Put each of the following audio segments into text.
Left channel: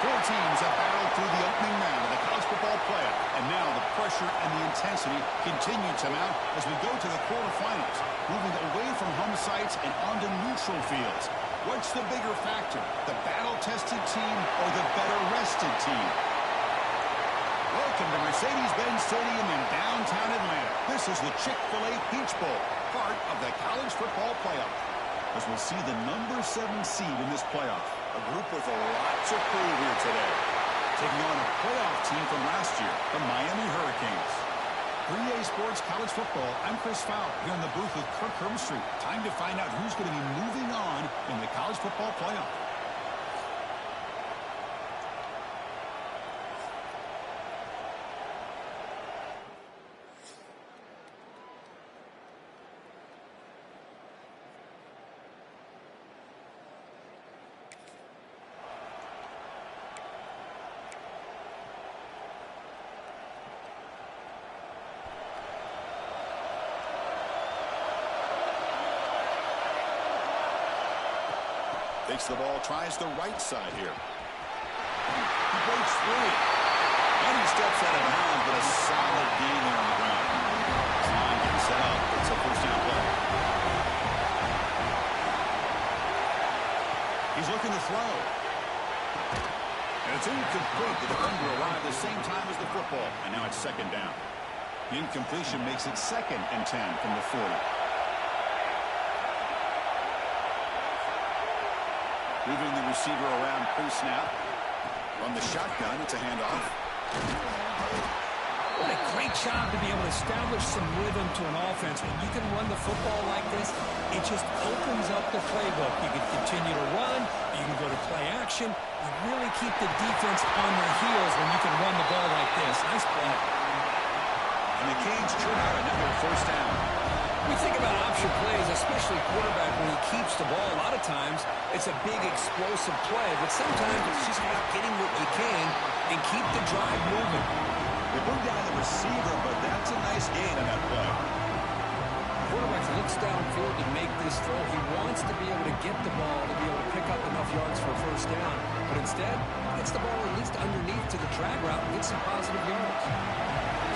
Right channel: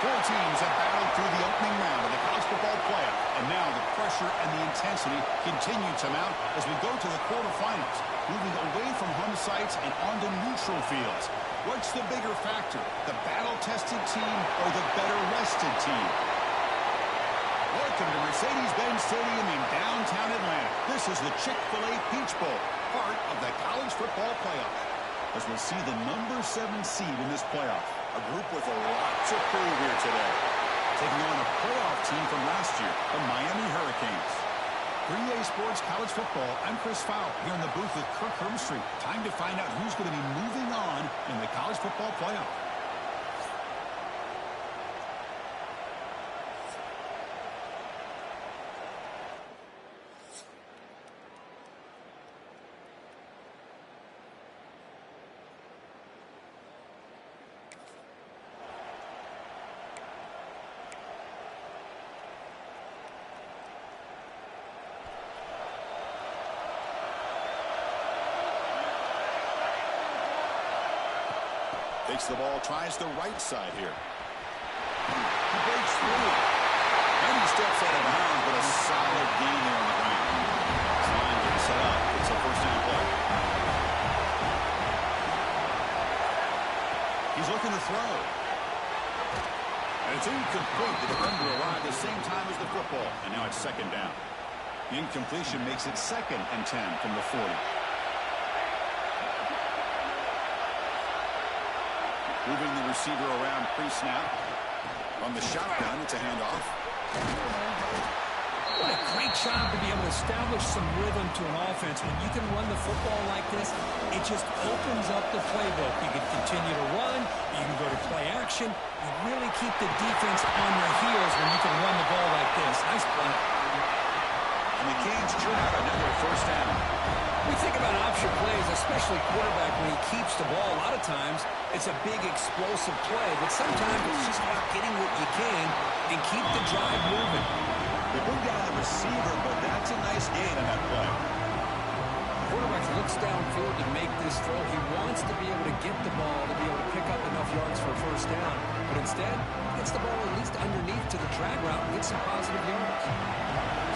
Four teams have battled through the opening round of the college football playoff, and now the pressure and the intensity continue to mount as we go to the quarterfinals, moving away from home sites and onto neutral fields. What's the bigger factor, the battle-tested team or the better-rested team? Welcome to Mercedes-Benz Stadium in downtown Atlanta. This is the Chick-fil-A Peach Bowl, part of the college football playoff, as we'll see the number 7 seed in this playoff. A group with a lot to prove here today. Taking on a playoff team from last year, the Miami Hurricanes. 3A Sports College Football, I'm Chris Fowler here in the booth with Kirk Hermstreet. Time to find out who's going to be moving on in the college football playoff. Takes the ball, tries the right side here. He breaks free. And he steps out of bounds, but a solid gain there on the ground. This line getting set up. It's a first down play. He's looking to throw. And it's incomplete. The defender arrived the same time as the football. And now it's second down. The incompletion makes it 2nd and 10 from the 40. Moving the receiver around pre-snap. On the shotgun, it's a handoff. What a great job to be able to establish some rhythm to an offense. When you can run the football like this, it just opens up the playbook. You can continue to run. You can go to play action. You really keep the defense on their heels when you can run the ball like this. Nice play. And the Canes churn out another first down. We think about option plays, especially quarterback, when he keeps the ball. A lot of times, it's a big explosive play, but sometimes it's just about getting what you can and keep the drive moving. They bring down the receiver, but that's a nice gain on that play. Quarterback looks downfield to make this throw. He wants to be able to get the ball to be able to pick up enough yards for a first down. But instead, gets the ball at least underneath to the drag route and gets some positive yards.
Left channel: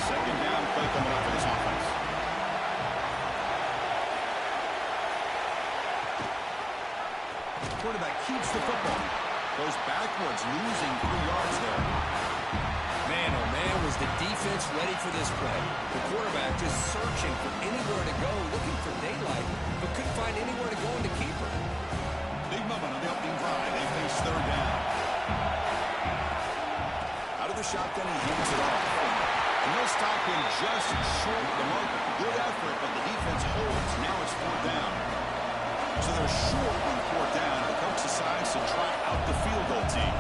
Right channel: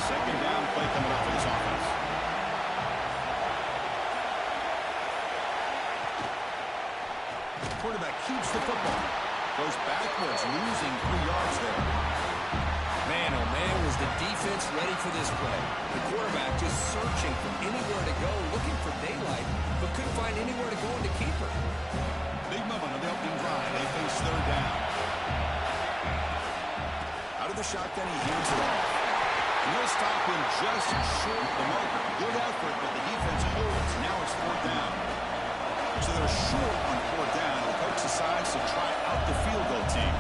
Second down play coming up for this offense. Quarterback keeps the football. Goes backwards, losing 3 yards there. Man, oh man, was the defense ready for this play. The quarterback just searching for anywhere to go, looking for daylight, but couldn't find anywhere to go into keeper. Big moment on the opening drive. They face third down. Out of the shotgun, he hands it off. And they'll stop him just short of the marker. Good effort, but the defense holds. Now it's fourth down. So they're short on fourth down. The coach decides to try out the field goal team.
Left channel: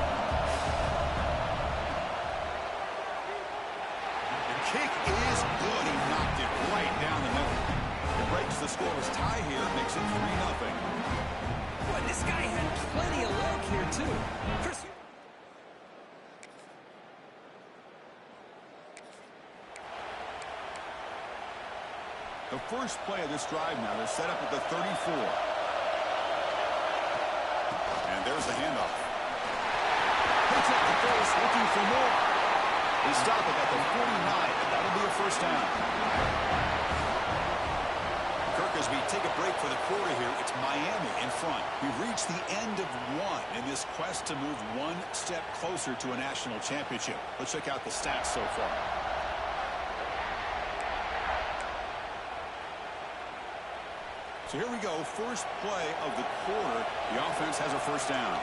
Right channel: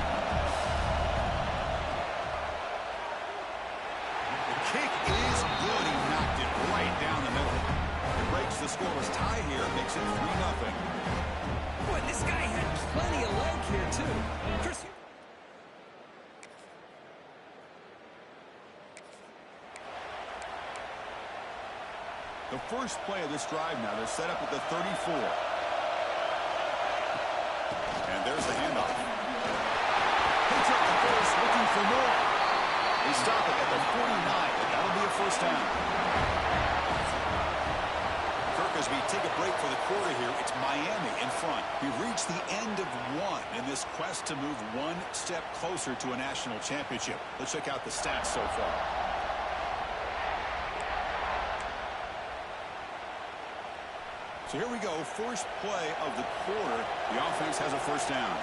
Kick is good. He knocked it right down the middle. It breaks the scoreless tie here. Makes it 3-0. Boy, this guy had plenty of leg here, too. Chris, the first play of this drive now. They're set up at the 34. And there's the handoff. Picks up the first, looking for more. They stop it at the 49, but that'll be a first down. Kirk, as we take a break for the quarter here, it's Miami in front. We've reached the end of one in this quest to move one step closer to a national championship. Let's check out the stats so far. So here we go. First play of the quarter. The offense has a first down.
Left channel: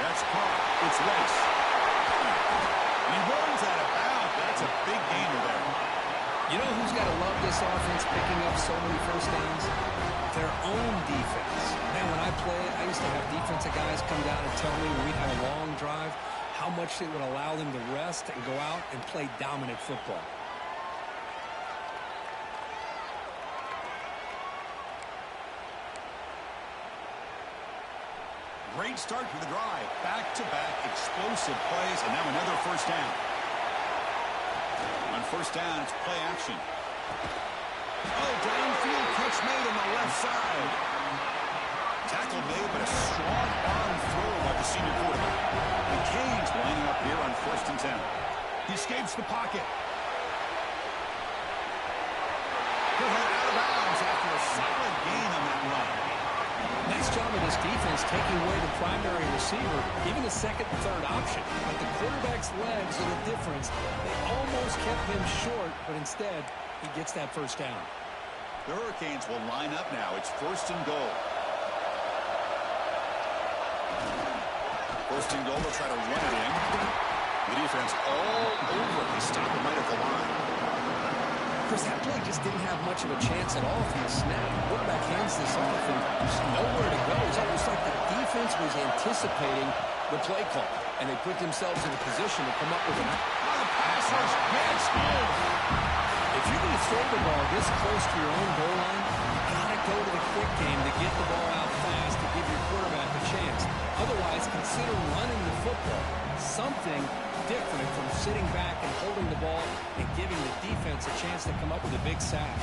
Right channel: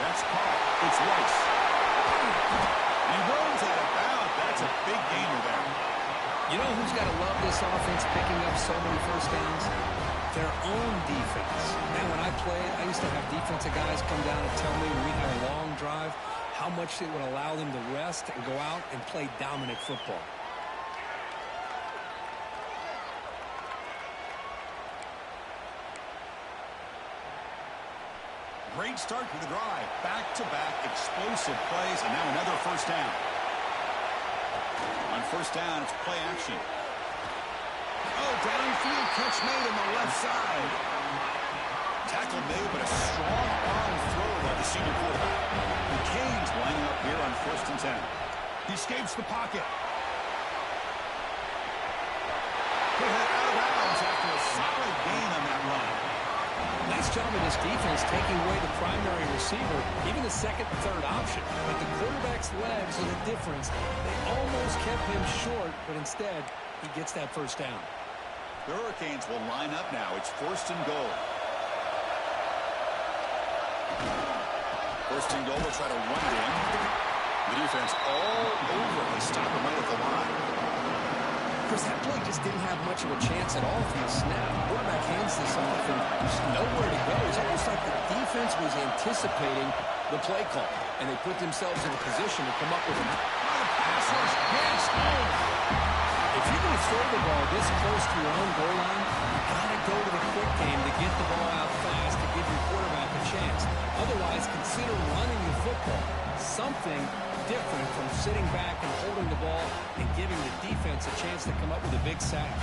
That's caught. It's Rice. And he runs out of bounds. That's a big gainer there. you know who's got to love this offense picking up so many first downs? Their own defense. Man, when I played, I used to have defensive guys come down and tell me when we'd have a long drive how much it would allow them to rest and go out and play dominant football. Great start to the drive. Back-to-back explosive plays, and now another first down. On first down, it's play action. Oh, downfield catch made on the left side. Tackle made, but a strong arm throw by the senior quarterback. The Canes lining up here on 1st and 10. He escapes the pocket. He'll head out of bounds after a solid gain on that run. Nice job of this defense taking away the primary receiver, even the second and third option. But the quarterback's legs are the difference. They almost kept him short, but instead, he gets that first down. The Hurricanes will line up now. It's 1st and goal. 1st and goal, they'll try to run it in. The defense all over. They stop him right at the line. Chris, that play just didn't have much of a chance at all from the snap. The quarterback hands this off, and there's nowhere to go. It's almost like the defense was anticipating the play call, and they put themselves in a position to come up with an... Oh, the pass rush gets home. If you're going to throw the ball this close to your own goal line, you got to go to the quick game to get the ball out fast to give your quarterback a chance. Otherwise, consider running the football. Something different from sitting back and holding the ball and giving the defense a chance to come up with a big sack.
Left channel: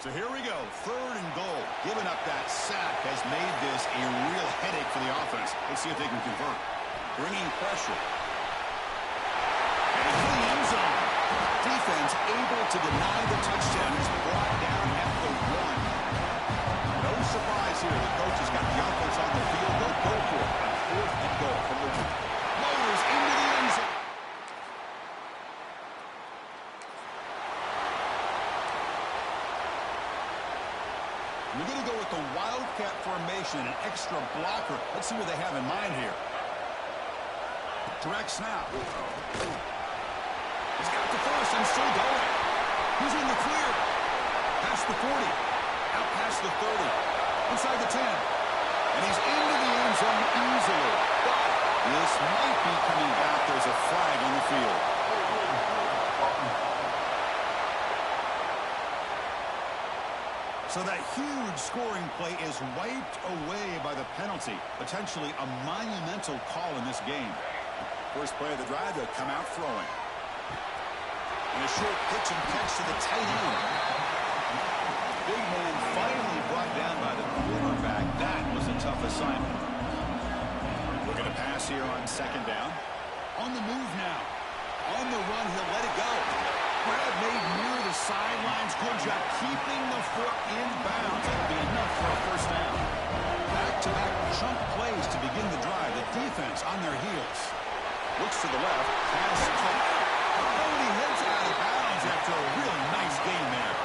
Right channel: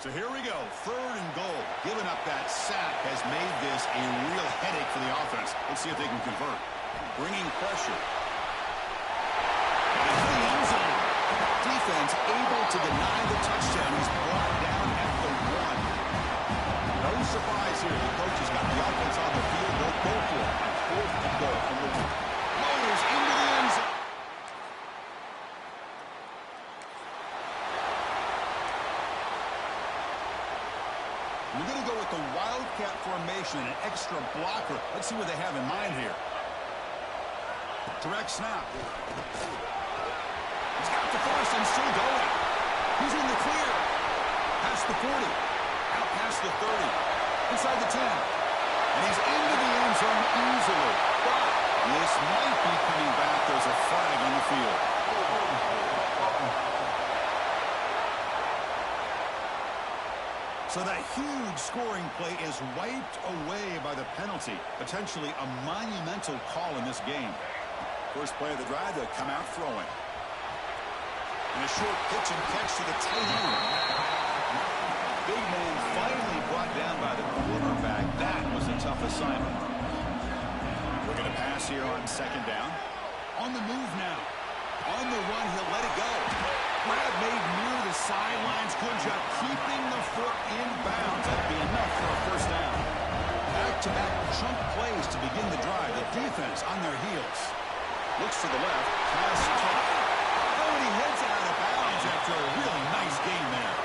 So here we go, 3rd and goal. Giving up that sack has made this a real headache for the offense. Let's see if they can convert. Bringing pressure. And into the end zone. Defense able to deny the touchdown. He's brought down at the 1. No surprise here. The coach has got the offense on the field. They'll go for it on 4th and goal from the 1. Motors into the end zone. We're going to go with the Wildcat formation and an extra blocker. Let's see what they have in mind here. Direct snap. He's got the first and still going. He's in the clear. Past the 40. Out past the 30. Inside the 10. And he's into the end zone easily. But This might be coming back. There's a flag on the field. So that huge scoring play is wiped away by the penalty. Potentially a monumental call in this game. First play of the drive, they'll come out throwing. And a short pitch and catch to the tight end. Big man finally brought down by the quarterback. That was a tough assignment. We're going to pass here on second down. On the move now. On the run, he'll let it go. Grab made near the sidelines. Good job keeping the foot in bounds. That'd be enough for a first down. Back-to-back chunk plays to begin the drive. The defense on their heels. Looks to the left. Pass caught. Oh, and he heads out of bounds after a really nice game there.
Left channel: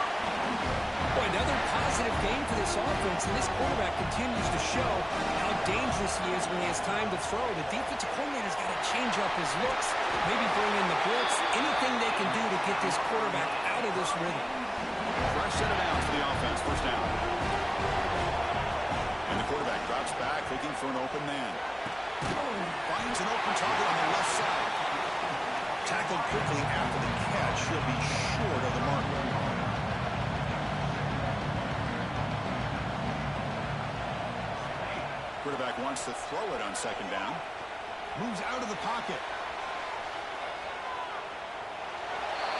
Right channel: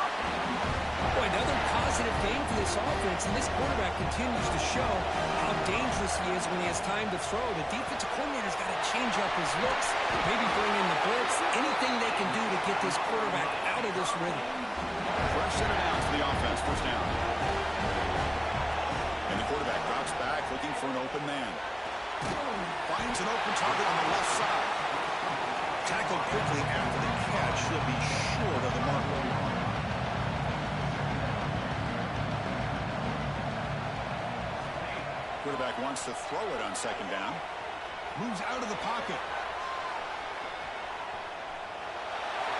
Boy, another positive game for this offense, and this quarterback continues to show how dangerous he is when he has time to throw. The defensive coordinator's got to change up his looks, maybe bring in the blitz, anything they can do to get this quarterback out of this rhythm. Fresh set of downs for the offense, first down. And the quarterback drops back, looking for an open man. Finds an open target on the left side. Tackled quickly after the catch. He'll be short of the marker. Quarterback wants to throw it on second down. Moves out of the pocket.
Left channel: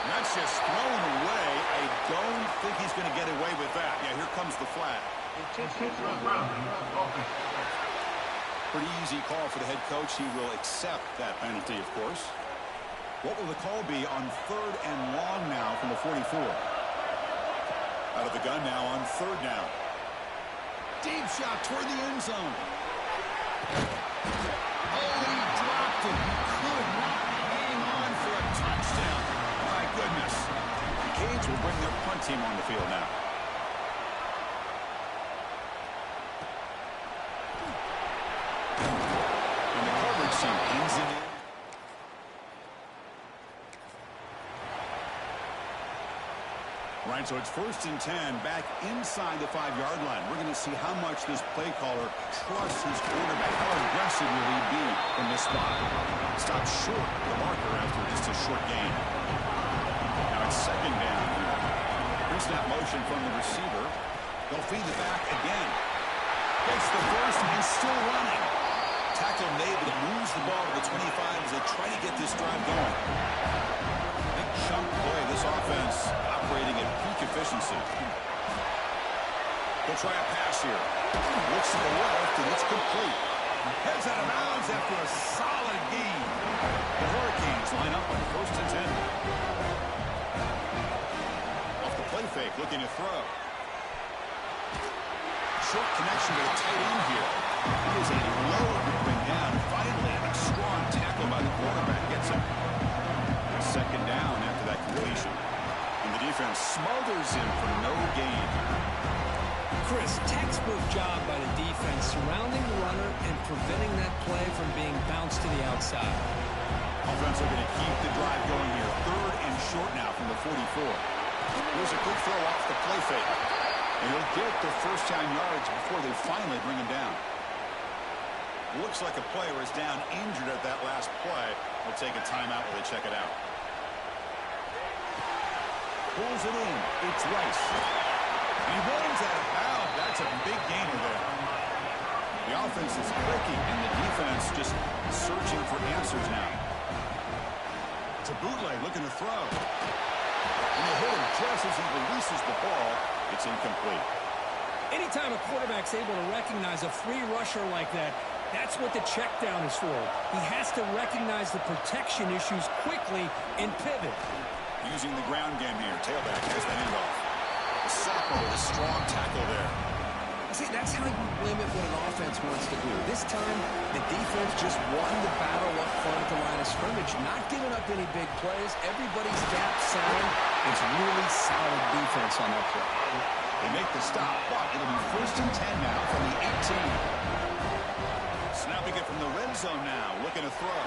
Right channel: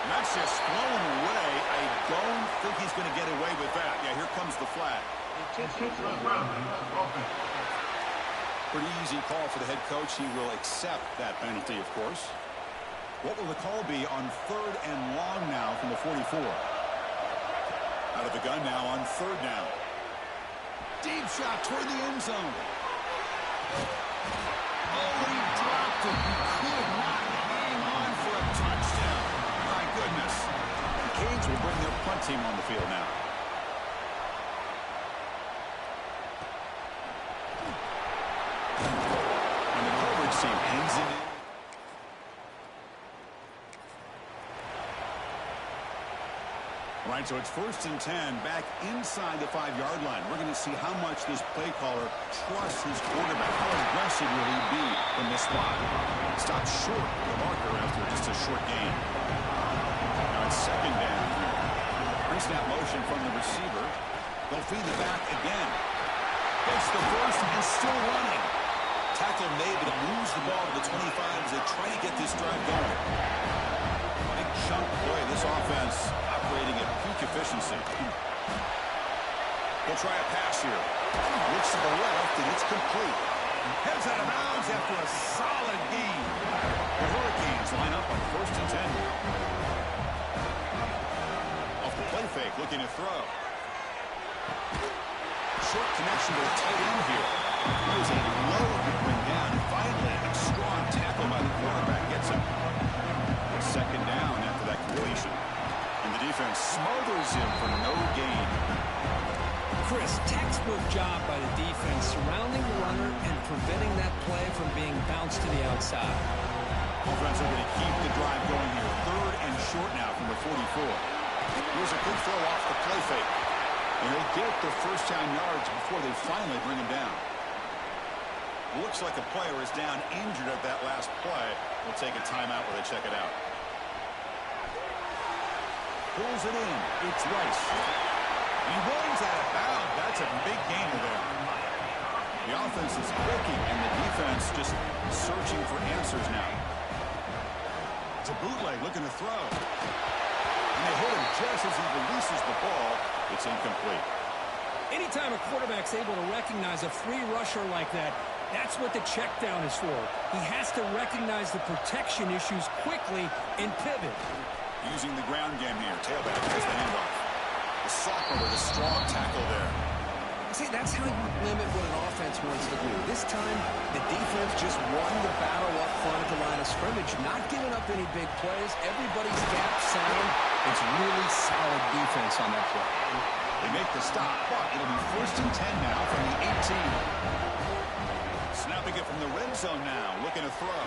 And that's just thrown away. I don't think he's going to get away with that. Yeah, here comes the flag. Pretty easy call for the head coach. He will accept that penalty, of course. What will the call be on third and long now from the 44? Out of the gun now on third down. Deep shot toward the end zone. Oh, he dropped it. He could not hang on for a touchdown. My goodness. The Canes will bring their punt team on the field now. And the coverage team pins him in. Right, so it's 1st and 10, back inside the 5-yard line. We're going to see how much this play caller trusts his quarterback. How aggressive will he be from this spot? Stops short of the marker after just a short gain. Now it's second down here. Pre-snap motion from the receiver. They'll feed the back again. Gets the first and still running. Tackle made, but it moves the ball to the 25 as they try to get this drive going. Big chunk play. This offense operating at peak efficiency. They'll try a pass here. Looks to the left, and it's complete. Heads out of bounds after a solid gain. The Hurricanes line up on 1st and 10. Off the play fake, looking to throw. Short connection to the tight end here. He is a load to bring down. Finally, a strong tackle by the quarterback gets him. Second down after that completion. And the defense smothers him for no gain. Chris, textbook job by the defense surrounding the runner and preventing that play from being bounced to the outside. Offense looking to keep the drive going here. 3rd and short now from the 44. Here's a quick throw off the play fake. And he'll get the first down yards before they finally bring him down. Looks like a player is down injured at that last play. We'll take a timeout while they check it out. Pulls it in. It's Rice. And he runs out of bounds. That's a big gainer there. The offense is clicking, and the defense just searching for answers now. It's a bootleg looking to throw. And they hit him just as he releases the ball. It's incomplete. Anytime a quarterback's able to recognize a free rusher like that, that's what the check down is for. He has to recognize the protection issues quickly and pivot. Using the ground game here. Tailback has the handoff. The sophomore with a strong tackle there. See, that's how you limit what an offense wants to do. This time, the defense just won the battle up front at the line of scrimmage, not giving up any big plays. Everybody's gap sound. It's really solid defense on that play. They make the stop, but it'll be 1st and 10 now from the 18. Snapping it from the red zone now, looking to throw.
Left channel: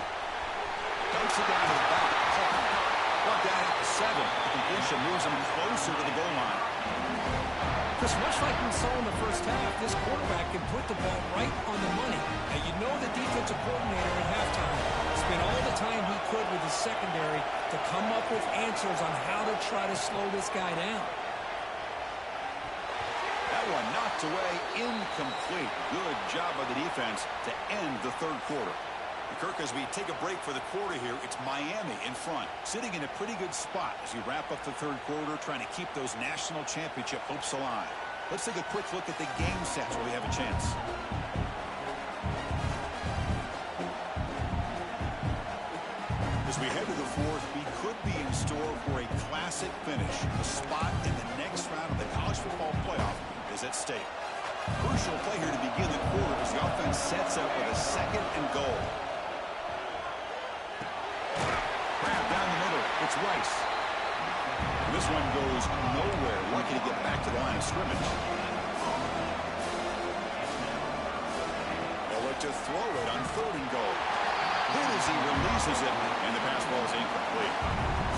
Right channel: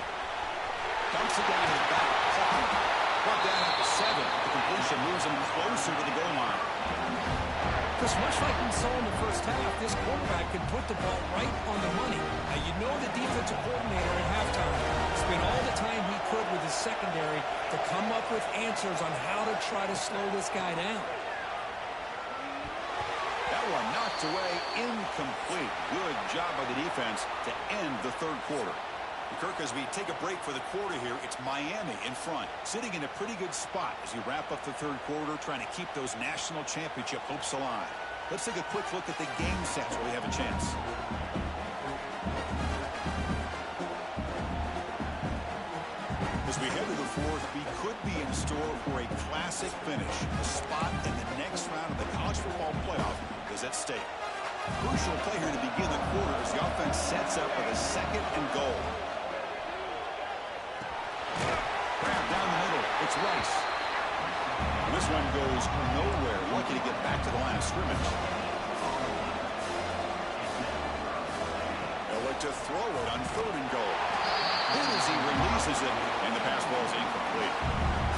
Dumps it down to the back. Caught. Brought down at the 7. The completion moves him closer to the goal line. Just much like we saw in the first half, this quarterback can put the ball right on the money. Now, you know the defensive coordinator at halftime spent all the time he could with his secondary to come up with answers on how to try to slow this guy down. That one knocked away, incomplete. Good job by the defense to end the third quarter. Kirk, as we take a break for the quarter here, it's Miami in front, sitting in a pretty good spot as you wrap up the third quarter, trying to keep those national championship hopes alive. Let's take a quick look at the game sets where we have a chance. As we head to the fourth, we could be in store for a classic finish. A spot in the next round of the college football playoff is at stake. Crucial play here to begin the quarter as the offense sets up with a 2nd and goal. Grab down the middle. It's Rice. And this one goes nowhere. Lucky to get back to the line of scrimmage. They'll look to throw it on 3rd and goal. Hit as he releases it, and the pass ball is incomplete.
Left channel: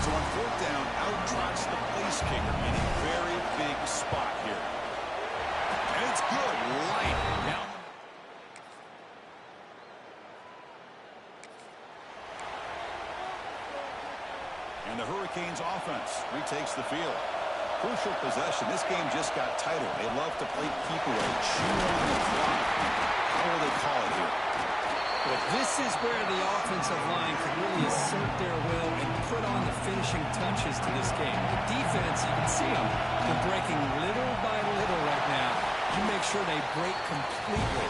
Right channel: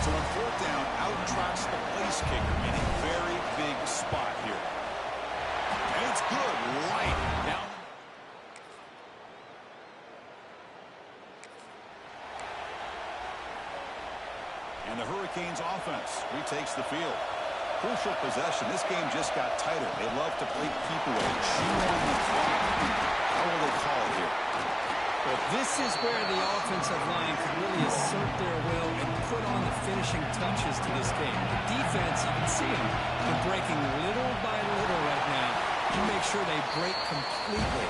So on 4th down, out trots the place kicker in a very big spot here. And it's good right down. And the Hurricanes offense retakes the field. Crucial possession. This game just got tighter. They love to play keep away, chew on the clock. How will they call it here? Well, this is where the offensive line can really assert their will and put on the finishing touches to this game. The defense, you can see them. They're breaking little by little right now. You make sure they break completely.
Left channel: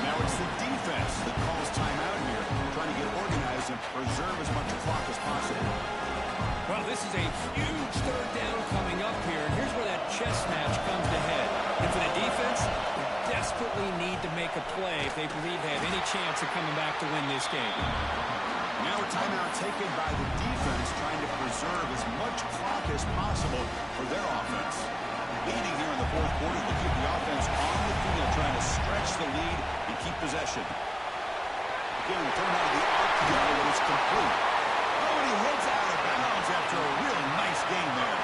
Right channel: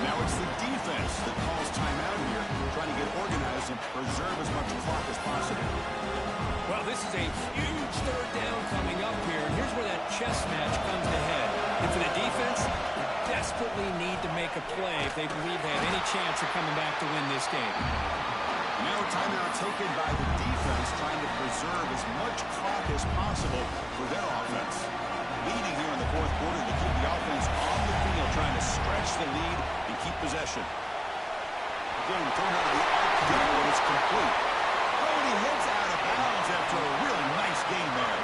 And now it's the defense that calls timeout here, trying to get organized and preserve as much clock as possible. Well, this is a huge 3rd down coming up here, and here's where that chess match comes to head. And for the defense, they desperately need to make a play if they believe they have any chance of coming back to win this game. Now a timeout taken by the defense, trying to preserve as much clock as possible for their offense. Leading here in the fourth quarter to keep the offense on the field, trying to stretch the lead and keep possession. Again, thrown out of the RPO, and it's complete. Oh, and he heads out of bounds after a really nice game there.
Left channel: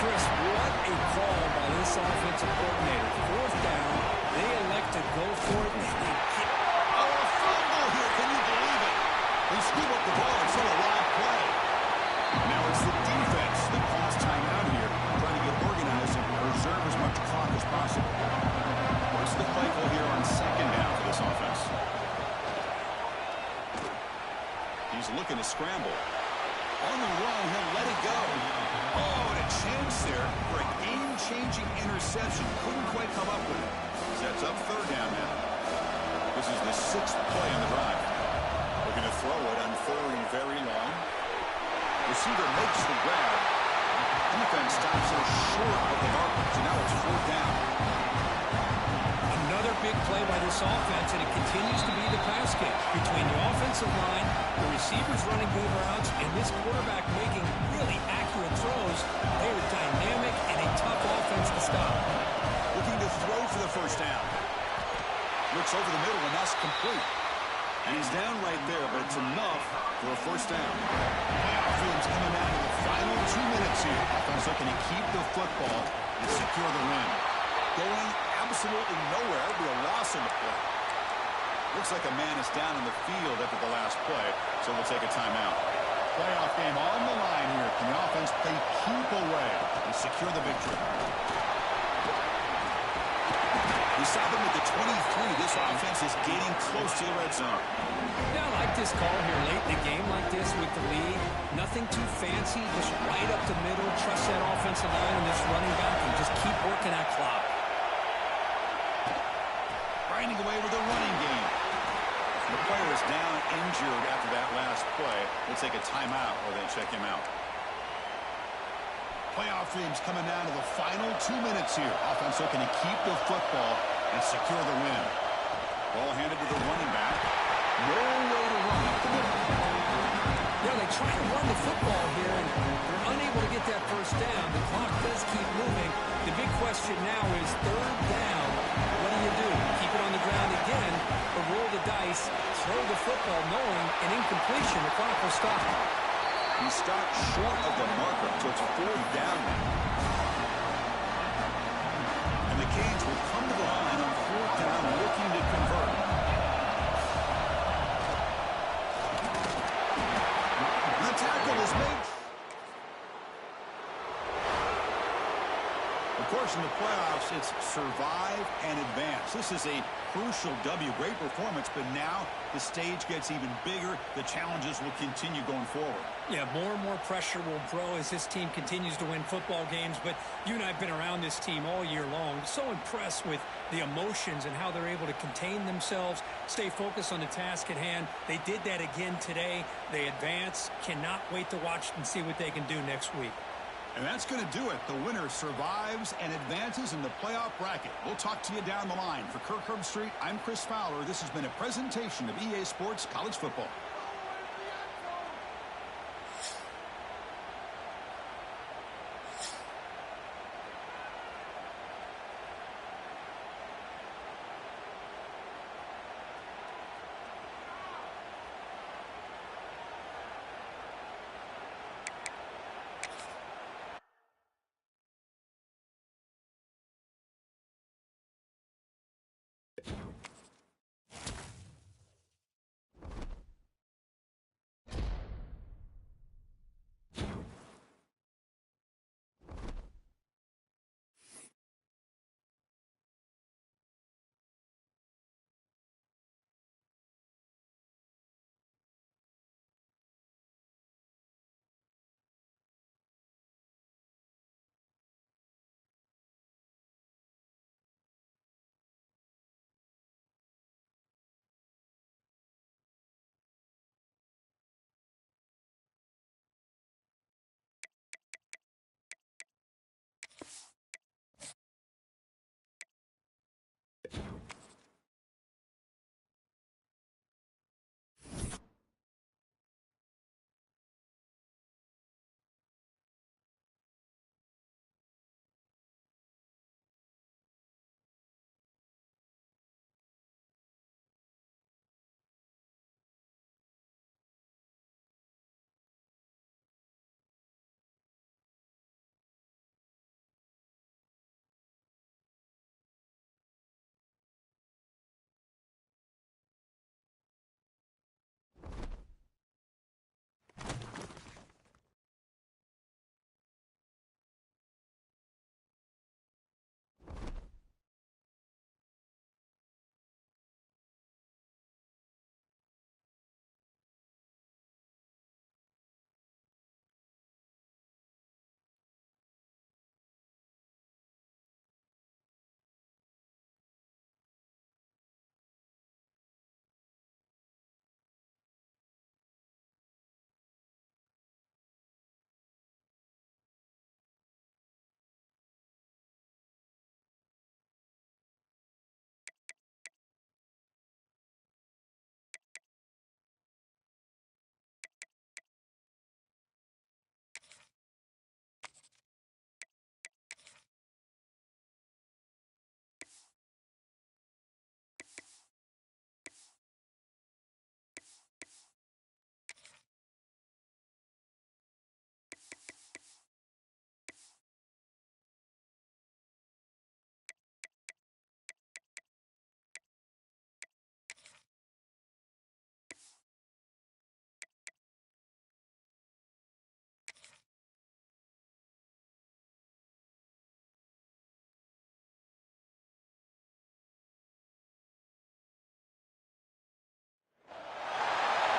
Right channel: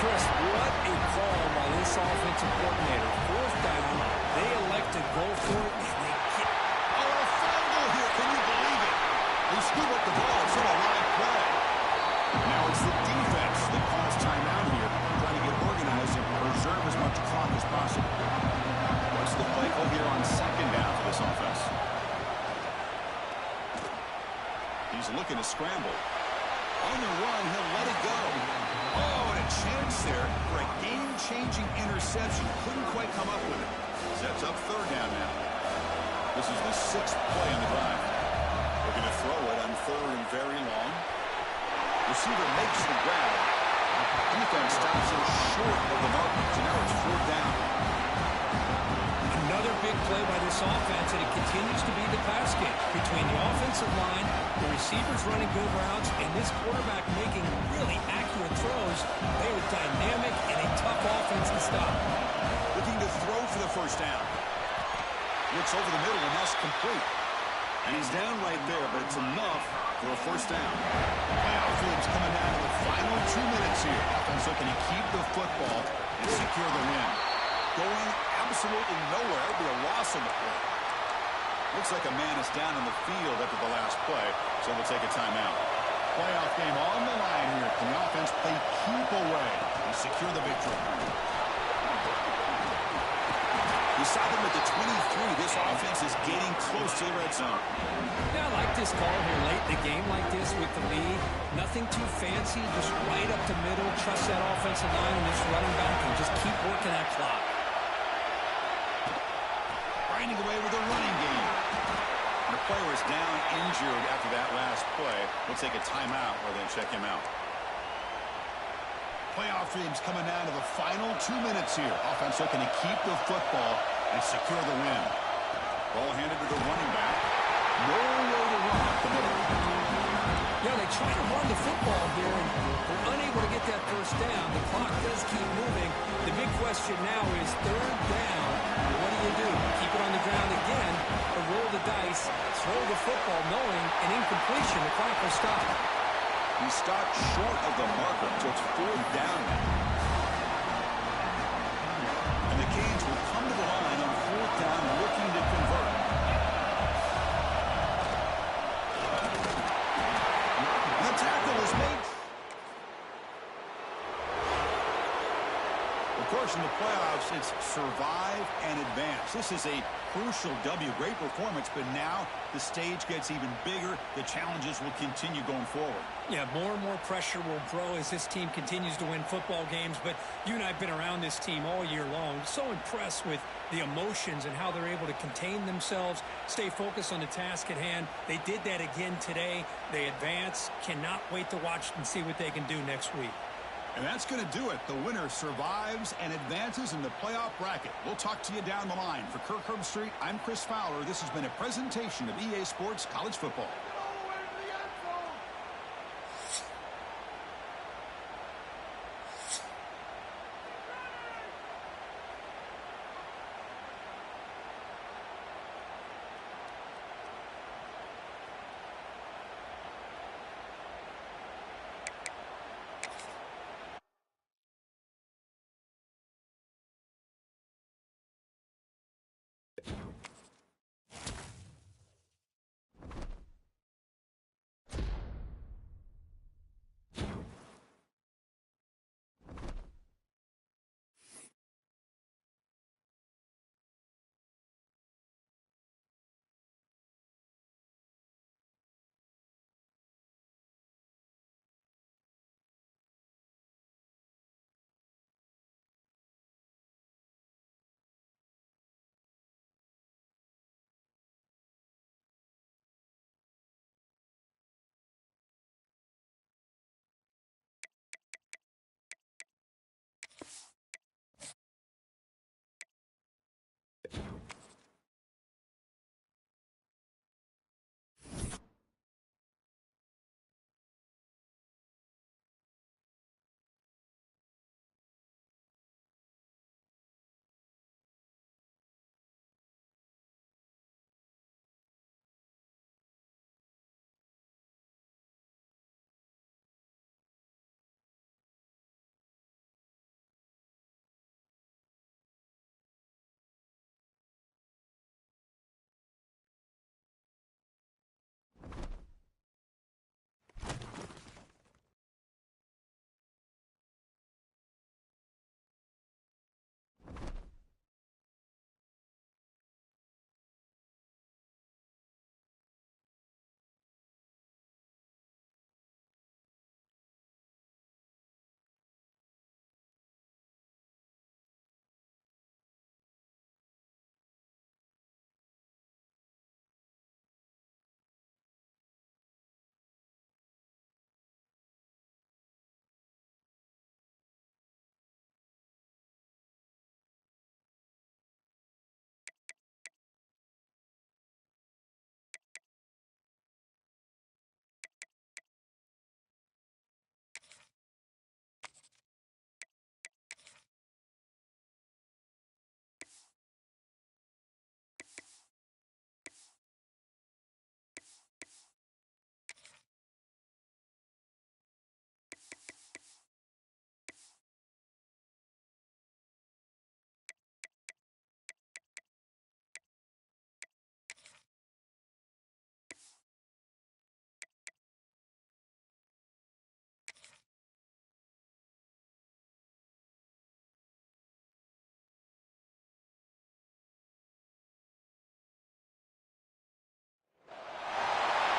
Chris, what a call by this offensive coordinator. 4th down, they elect to go for it, and they get... Oh, a fumble here. Can you believe it? They scoop up the ball. It's still a live play. Now it's the defense that calls timeout here, trying to get organized and preserve as much clock as possible. What's the play call here on 2nd down for this offense? He's looking to scramble. On the run, he'll let it go. Oh, and a chance there for a game-changing interception. Couldn't quite come up with it. Sets up 3rd down now. This is the 6th play on the drive. Looking to throw it on 3rd and very long. Receiver makes the grab. Defense stops him short of the marker. So now it's 4th down. Another big play by this offense, and it continues to be the pass game. Between the offensive line, the receivers running good routes, and this quarterback making really accurate throws, they are dynamic and a tough offense to stop. Looking to throw for the 1st down. Looks over the middle, and that's complete. And he's down right there, but it's enough for a 1st down. Playoff game's coming down to the final 2 minutes here. Offense looking to keep the football and secure the win. Going absolutely nowhere. That'll be a loss in the play. Looks like a man is down in the field after the last play, so we'll take a timeout. Playoff game on the line here. Can the offense play keep away and secure the victory? We stop him at the 23. This offense is getting close to the red zone. Yeah, I like this call here late in the game like this with the lead. Nothing too fancy, just right up the middle. Trust that offensive line and this running back and just keep working that clock. Grinding away with the running game. And the player is down injured after that last play. We'll take a timeout or then check him out. Playoff game's coming down to the final 2 minutes here. Offense looking to keep the football and secure the win. Ball handed to the running back. No way to run up the middle. Yeah, they try to run the football here, and they're unable to get that 1st down. The clock does keep moving. The big question now is 3rd down. What do? Keep it on the ground again, or roll the dice, throw the football, knowing an incompletion, the clock will stop. He stopped short of the marker, so it's 4th down now. And the Canes will come to the line on 4th down, looking to convert. And the tackle is made. Of course, in the playoffs, it's survive and advance. This is a crucial W. Great performance, but now the stage gets even bigger. The challenges will continue going forward. Yeah, more and more pressure will grow as this team continues to win football games. But you and I have been around this team all year long. So impressed with the emotions and how they're able to contain themselves, stay focused on the task at hand. They did that again today. They advance. Cannot wait to watch and see what they can do next week. And that's going to do it. The winner survives and advances in the playoff bracket. We'll talk to you down the line. For Kirk Herbstreit, I'm Chris Fowler. This has been a presentation of EA Sports College Football.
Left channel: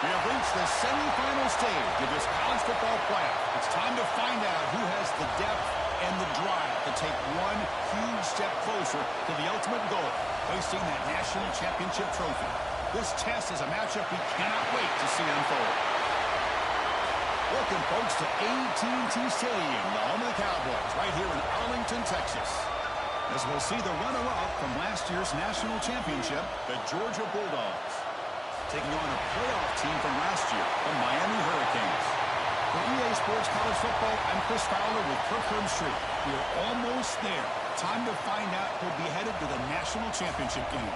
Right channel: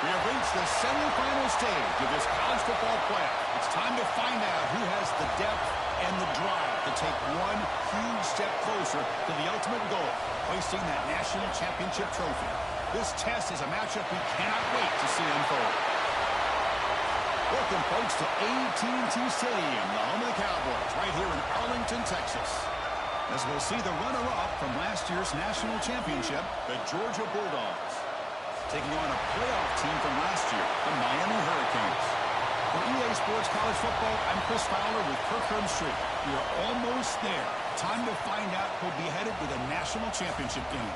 We have reached the semifinal stage of this college football playoff. It's time to find out who has the depth and the drive to take one huge step closer to the ultimate goal, hoisting that national championship trophy. This test is a matchup we cannot wait to see unfold. Welcome, folks, to AT&T Stadium, the home of the Cowboys, right here in Arlington, Texas. As we'll see the runner-up from last year's national championship, the Georgia Bulldogs, taking on a playoff team from last year, the Miami Hurricanes. For EA Sports College Football, I'm Chris Fowler with Kirk Herbstreit. We are almost there. Time to find out who'll be headed to the national championship game.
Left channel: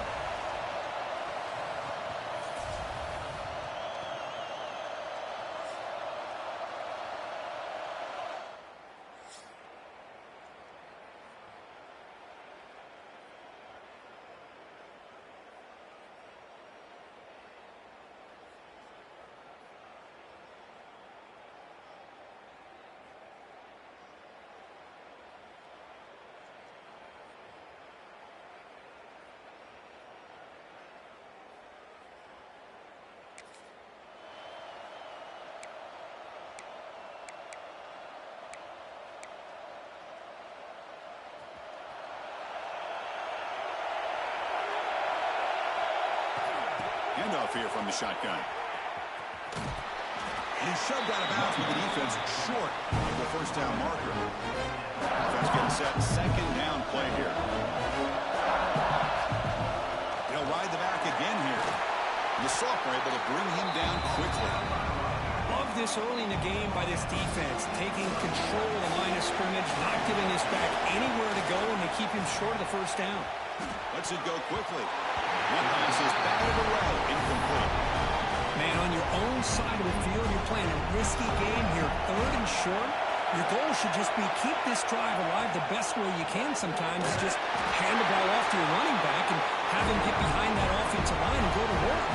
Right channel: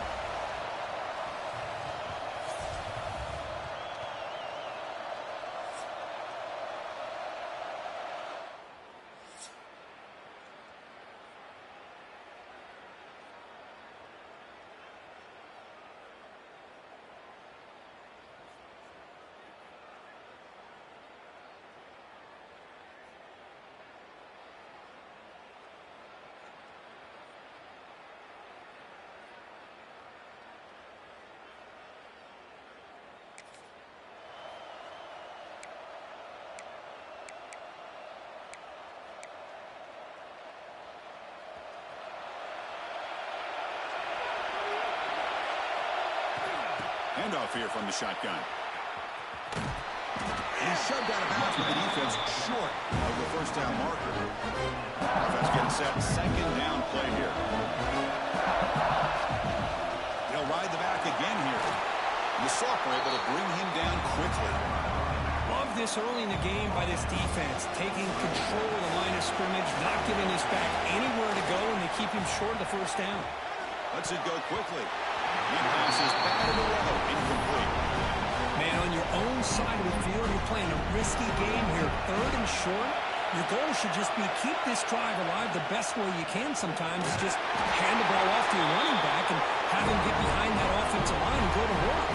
handoff here from the shotgun. And he's shoved out of bounds with the defense short of the first down marker. Offense getting set. Second down play here. He'll ride the back again here. The sophomore able to bring him down quickly. Love this early in the game by this defense, taking control of the line of scrimmage, not giving this back anywhere to go, and they keep him short of the first down. Lets it go quickly. One pass is batted away, incomplete. Man, on your own side of the field, you're playing a risky game here, third and short. Your goal should just be keep this drive alive the best way you can sometimes. Is just hand the ball off to your running back and have him get behind that offensive line and go to work.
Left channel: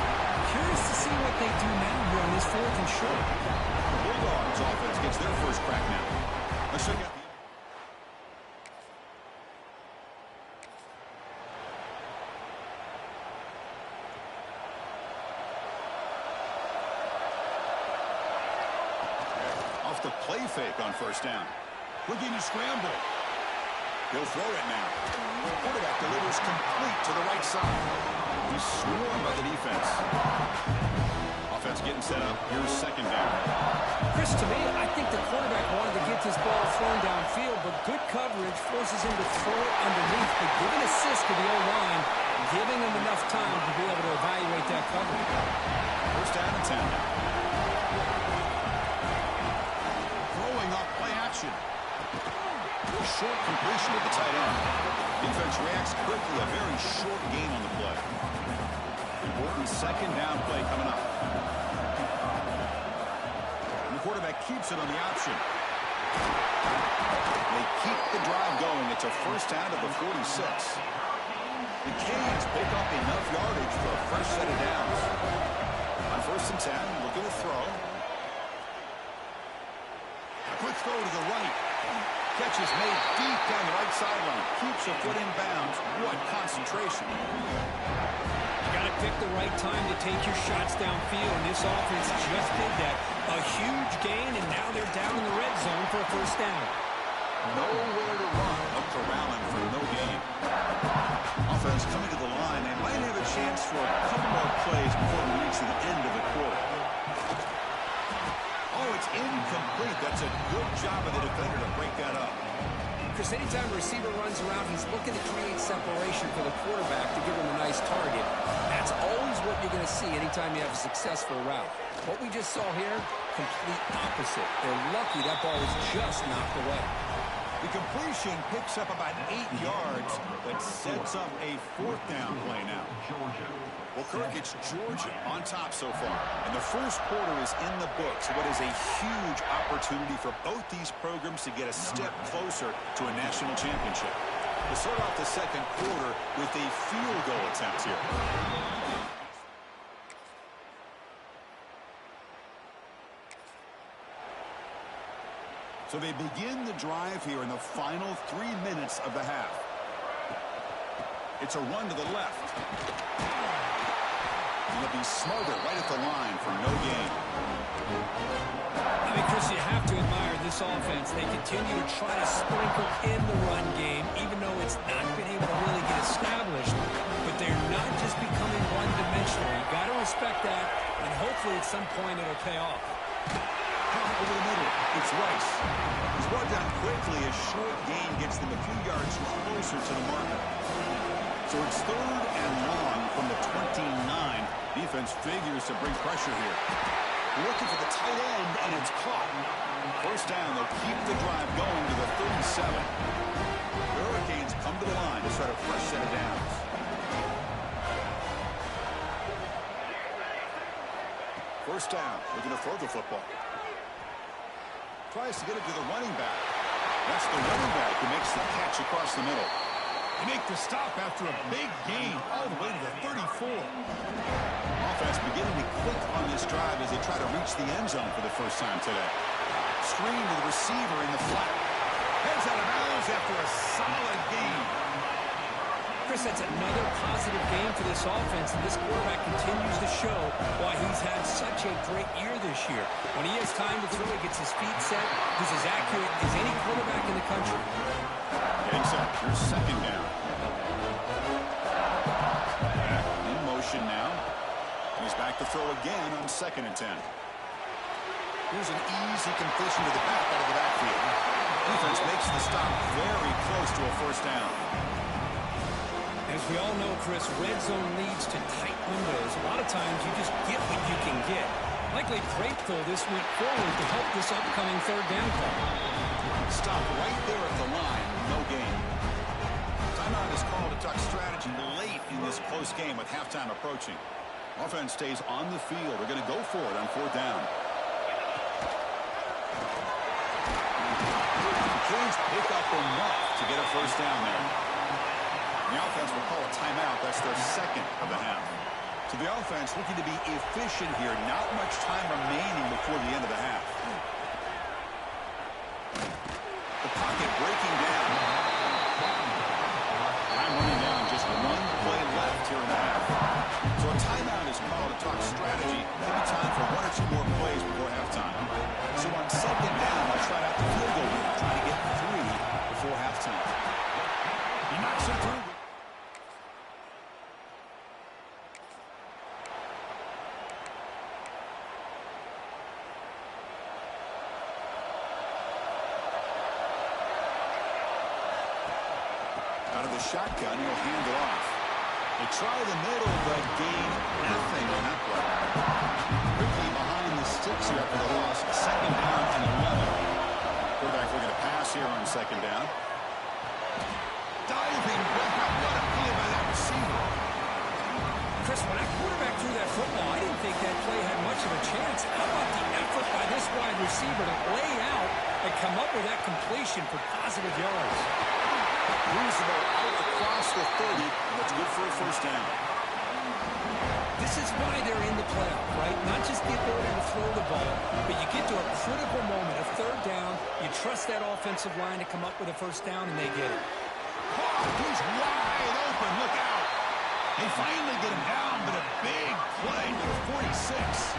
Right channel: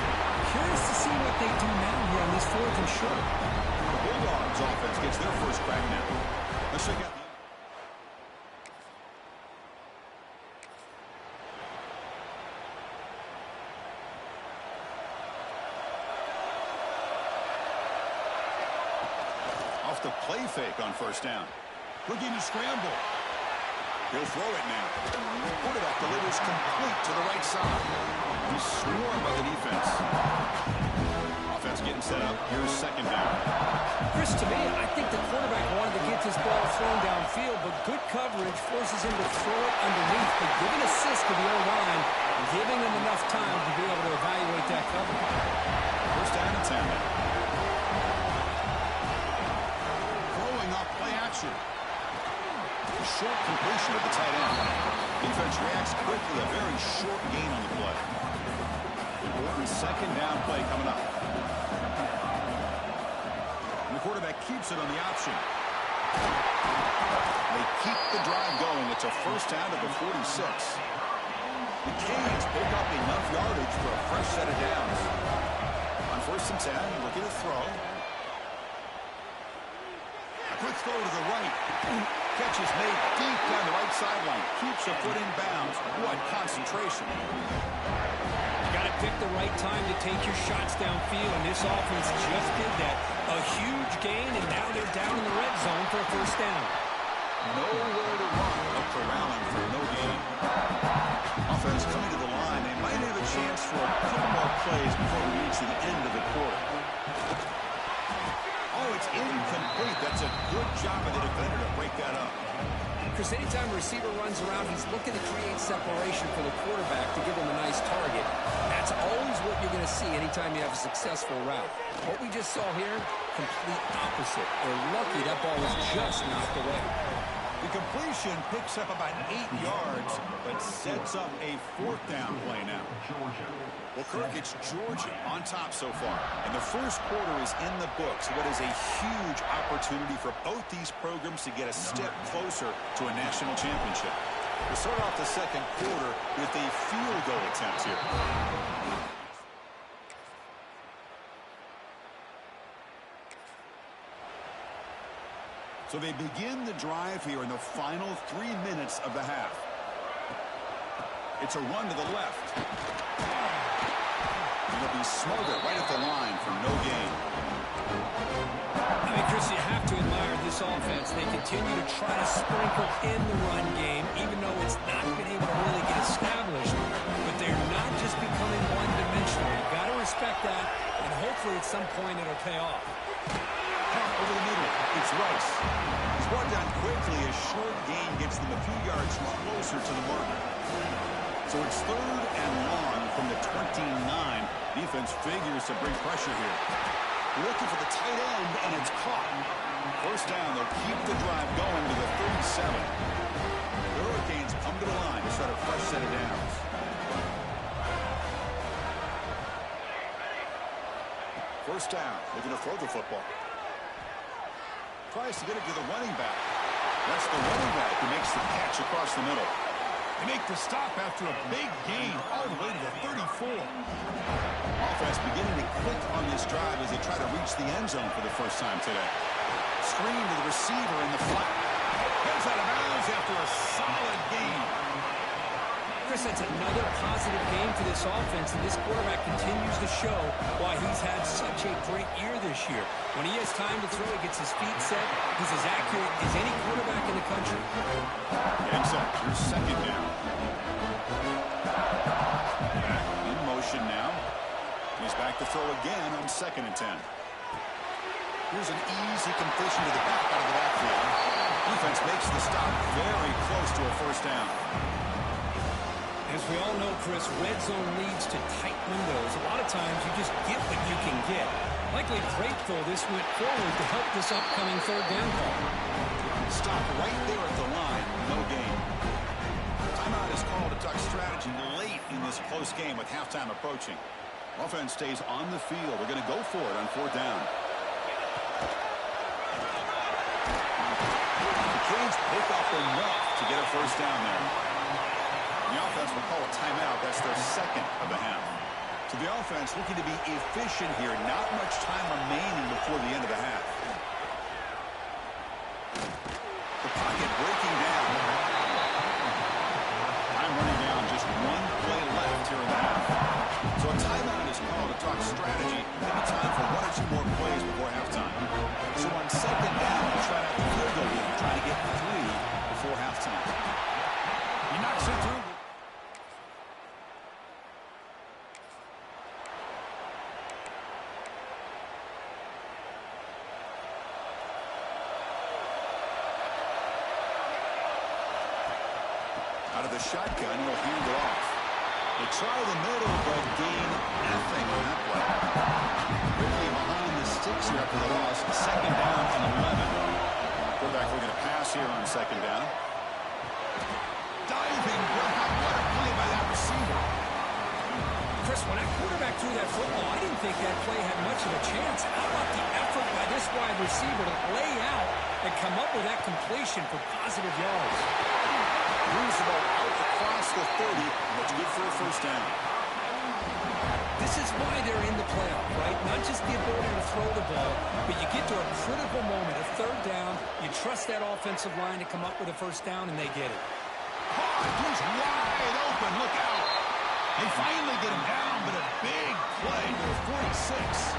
Curious to see what they do now here on this fourth and short. The Bulldogs offense gets their first crack now. Let's check out the... Off the play fake on first down. Looking to scramble. He'll throw it now. Quarterback delivers complete to the right side. He's swarmed by the defense. Offense getting set up. Here's second down. Chris, to me, I think the quarterback wanted to get this ball thrown downfield, but good coverage forces him to throw it underneath. But give an assist to the O-line, giving him enough time to be able to evaluate that coverage. First down and 10 now. Throwing off play action. Short completion at the tight end. Defense reacts quickly. A very short gain on the play. Important second down play coming up. And the quarterback keeps it on the option. They keep the drive going. It's a first down to the 46. The Canes pick up enough yardage for a fresh set of downs. On first and 10, looking to throw. A quick throw to the right. Catch is made deep down the right sideline. Keeps a foot in bounds. What concentration. You got to pick the right time to take your shots downfield, and this offense just did that. A huge gain, and now they're down in the red zone for a first down. Nowhere to run. A corralling for no gain. Offense coming to the line. They might have a chance for a couple more plays before we reach the end of the quarter. Oh, it's incomplete. That's a good job of the defender to break that up. Chris, anytime a receiver runs around, he's looking to create separation for the quarterback to give him a nice target. That's always what you're going to see anytime you have a successful route. What we just saw here, complete opposite. They're lucky that ball was just knocked away. The completion picks up about 8 yards, but sets up a fourth down play now. Well, Kirk, it's Georgia on top so far. And the first quarter is in the books. What is a huge opportunity for both these programs to get a step closer to a national championship. We'll start off the second quarter with a field goal attempt here. So they begin the drive here in the final 3 minutes of the half. It's a run to the left. It'll be smothered right at the line for no gain. I mean, Chris, you have to admire this offense. They continue to try to sprinkle in the run game, even though it's not been able to really get established. But they're not just becoming one-dimensional. You've got to respect that, and hopefully at some point it'll pay off. Over the middle, it's Rice. He's brought down quickly. A short gain gets them a few yards closer to the marker. So it's third and long from the 29. Defense figures to bring pressure here. Looking for the tight end, and it's caught. First down, they'll keep the drive going to the 37. The Hurricanes come to the line to start a fresh set of downs. First down, looking to throw the football. Tries to get it to the running back. That's the running back who makes the catch across the middle. They make the stop after a big gain all the way to the 34. Offense beginning to click on this drive as they try to reach the end zone for the first time today. Screen to the receiver in the flat. Heads out of bounds after a solid gain. Chris, that's another positive game for this offense, and this quarterback continues to show why he's had such a great year this year. When he has time to throw, he gets his feet set. He's as accurate as any quarterback in the country. Getting set. Here's second down. Back in motion now. He's back to throw again on 2nd and 10. Here's an easy completion to the back out of the backfield. Defense makes the stop very close to a first down. As we all know, Chris, red zone leads to tight windows. A lot of times you just get what you can get. Likely great, though, this went forward to help this upcoming 3rd down call. Stop right there at the line. No gain. Timeout is called to talk strategy late in this close game with halftime approaching. Offense stays on the field. They're going to go for it on 4th down. The Canes pick up enough to get a first down there. The offense will call a timeout. That's their 2nd of the half. So the offense looking to be efficient here. Not much time remaining before the end of the half. The pocket breaking down. Time running down. Just 1 play left here in the half. So a timeout is called to talk strategy. Maybe time for 1 or 2 more plays before halftime. So on 2nd down, I'll try out the field goal game, trying to get 3 before halftime. He knocks it through. Out of the shotgun, he'll hand it off. They try the middle, but gain nothing on that play. Quickly behind the sticks here after the loss. 2nd down and 11. Quarterback looking to pass here on 2nd down. Diving grab. What a play by that receiver. Chris, when that quarterback threw that football, I didn't think that play had much of a chance. How about the effort by this wide receiver to lay out and come up with that completion for positive yards? Moves the ball out across the 30. That's good for a first down. This is why they're in the playoff, right? Not just the ability to throw the ball, but you get to a critical moment, a 3rd down. You trust that offensive line to come up with a first down, and they get it. Caught. He's wide open. Look out. They finally get him down, but a big play to the 46.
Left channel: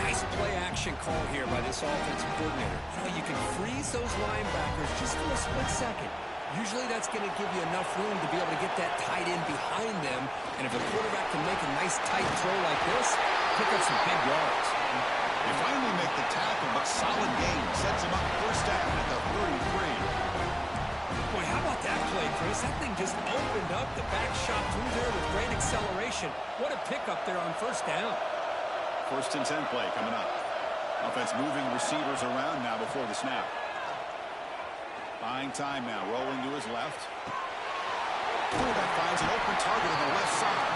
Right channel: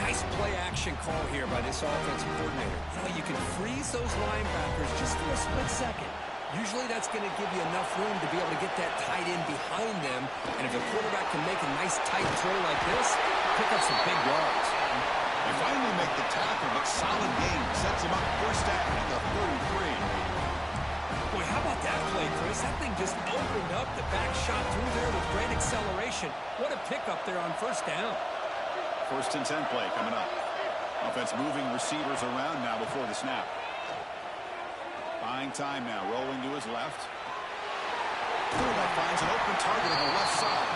Nice play-action call here by this offensive coordinator. You know, you can freeze those linebackers just for a split second. Usually that's going to give you enough room to be able to get that tight end behind them. And if the quarterback can make a nice tight throw like this, pick up some big yards. They finally make the tackle, but solid game sets him up first down at the 33. Boy, how about that play, Chris? That thing just opened up. The back shot through there with great acceleration. What a pickup there on first down. 1st and 10 play coming up. Offense moving receivers around now before the snap. Buying time now, rolling to his left. Quarterback finds an open target on the left side.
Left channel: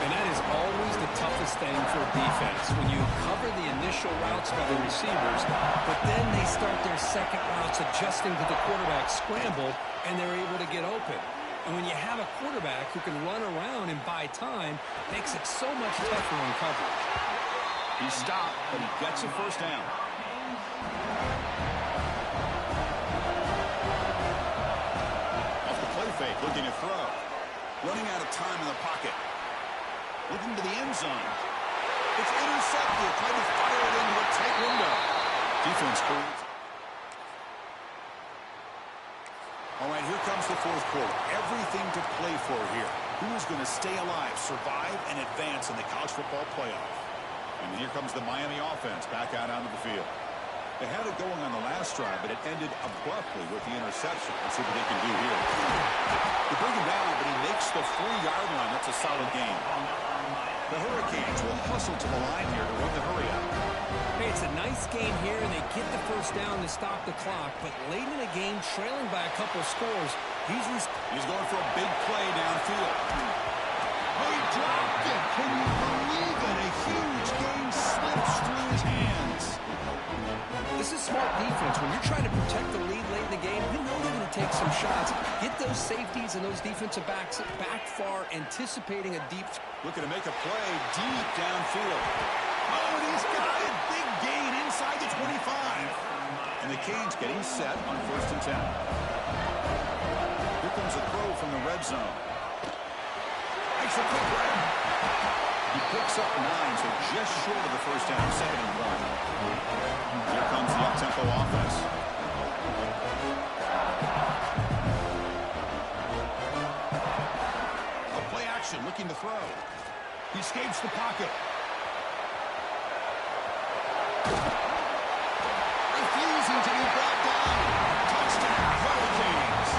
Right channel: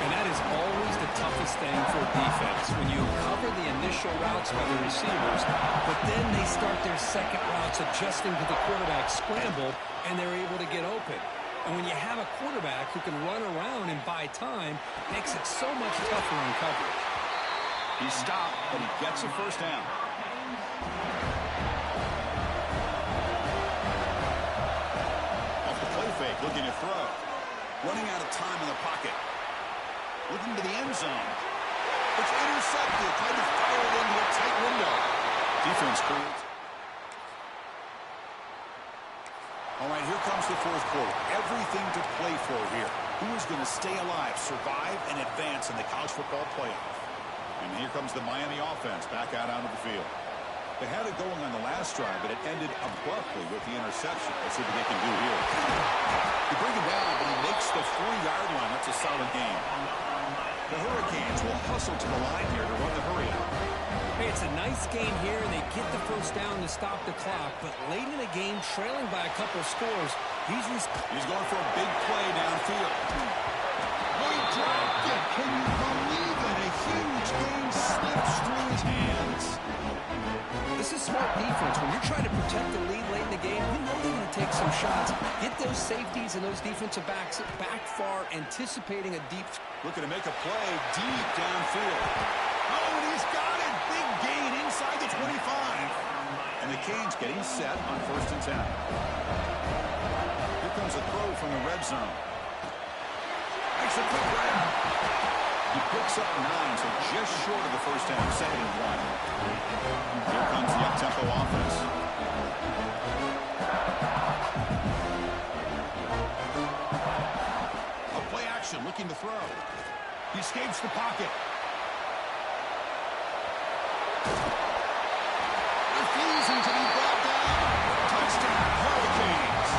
And that is always the toughest thing for defense, when you cover the initial routes by the receivers, but then they start their second routes adjusting to the quarterback scramble, and they're able to get open. And when you have a quarterback who can run around and buy time, it makes it so much tougher in coverage. He stopped, but he gets a first down. Off the play fake, looking to throw. Running out of time in the pocket. Looking to the end zone. It's intercepted. Trying to fire it into a tight window. Defense creates. All right, here comes the 4th quarter. Everything to play for here. Who is going to stay alive, survive, and advance in the college football playoff? And here comes the Miami offense back out onto the field. They had it going on the last drive, but it ended abruptly with the interception. Let's see what they can do here. They bring him down, but he makes the 40-yard line. That's a solid game. The Hurricanes will hustle to the line here to run the hurry out. Hey, it's a nice game here, and they get the first down to stop the clock. But late in the game, trailing by a couple scores, he's going for a big play downfield. Oh, he dropped it. Can you believe it? A huge game slips through his hands. This is smart defense. When you're trying to protect the lead late in the game, you know they're going to take some shots. Get those safeties and those defensive backs back far, anticipating a deep. Looking to make a play deep downfield. Oh, and he's got it. Big gain inside the 25. And the Canes getting set on 1st and 10. Here comes a throw from the red zone. Makes a quick grab. He picks up 9, so just short of the first down, 2nd and 1. Here comes the up-tempo offense. A play action, looking to throw. He escapes the pocket. Refusing to be brought down. Touchdown, Hurricanes.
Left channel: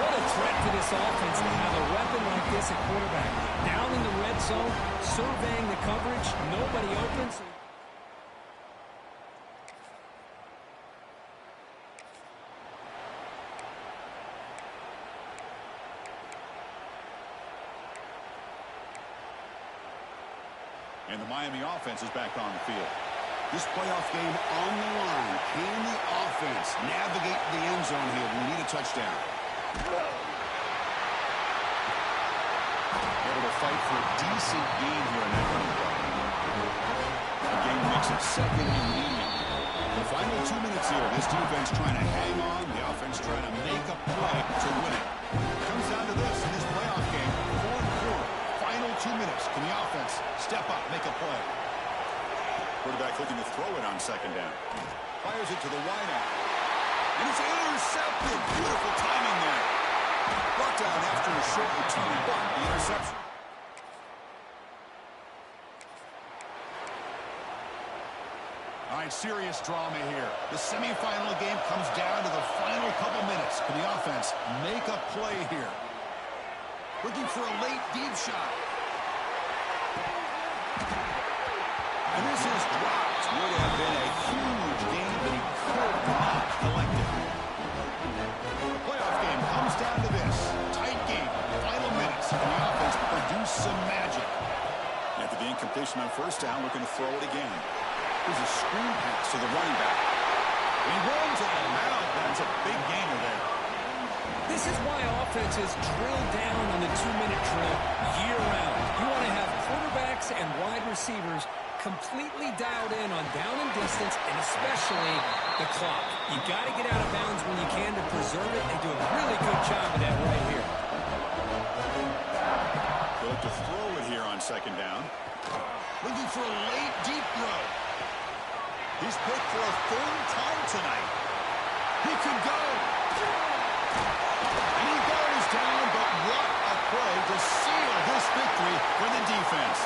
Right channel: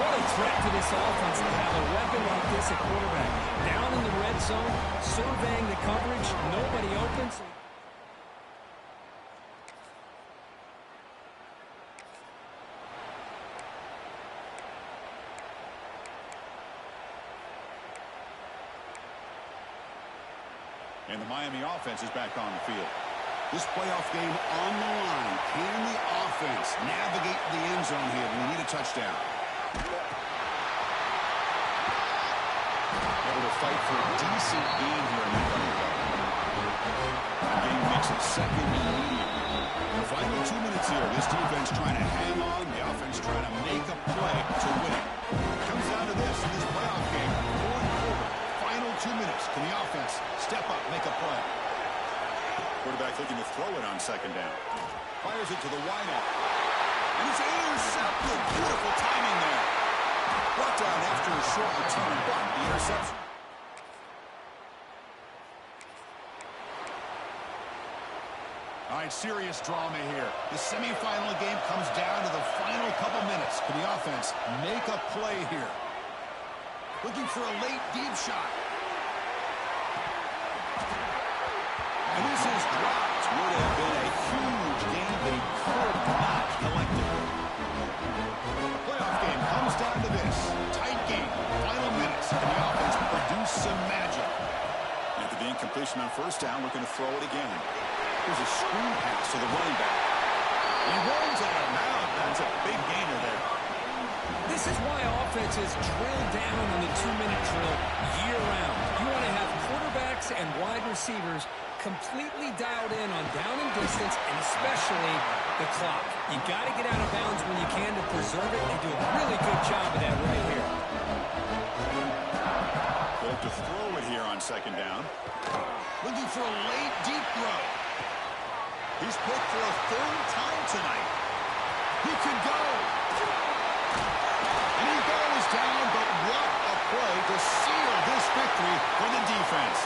What a threat to this offense to have a weapon like this at quarterback. Down in the red zone, surveying the coverage, nobody open. And the Miami offense is back on the field. This playoff game on the line. Can the offense navigate the end zone here when they need a touchdown? Able to fight for a decent gain here in that running play. The game makes it second and medium. The final 2 minutes here. This defense trying to hang on. The offense trying to make a play to win it. It comes down to this in this playoff game. Fourth quarter. Final 2 minutes. Can the offense step up, make a play? Quarterback looking to throw it on second down. Fires it to the wideout. And it's intercepted. Beautiful timing there. Brought down after a short return, but the interception. All right, serious drama here. The semifinal game comes down to the final couple minutes. Can the offense make a play here? Looking for a late deep shot. And this is dropped. Would have been a huge game, but he could not collect it. The playoff game comes down to this. Tight game. Final minutes. Can the offense produce some magic? After the incompletion on first down, looking to throw it again. Here's a screen pass to the running back. He runs out of bounds. That's a big gainer there. This is why offenses drill down on the 2-minute drill year-round. You want to have quarterbacks and wide receivers completely dialed in on down and distance, and especially the clock. You got to get out of bounds when you can to preserve it. They do a really good job of that right here. They'll have to throw it here on second down. Looking for a late deep throw. He's picked for a third time tonight. He could go. And he goes down, but what a play to seal this victory for the defense.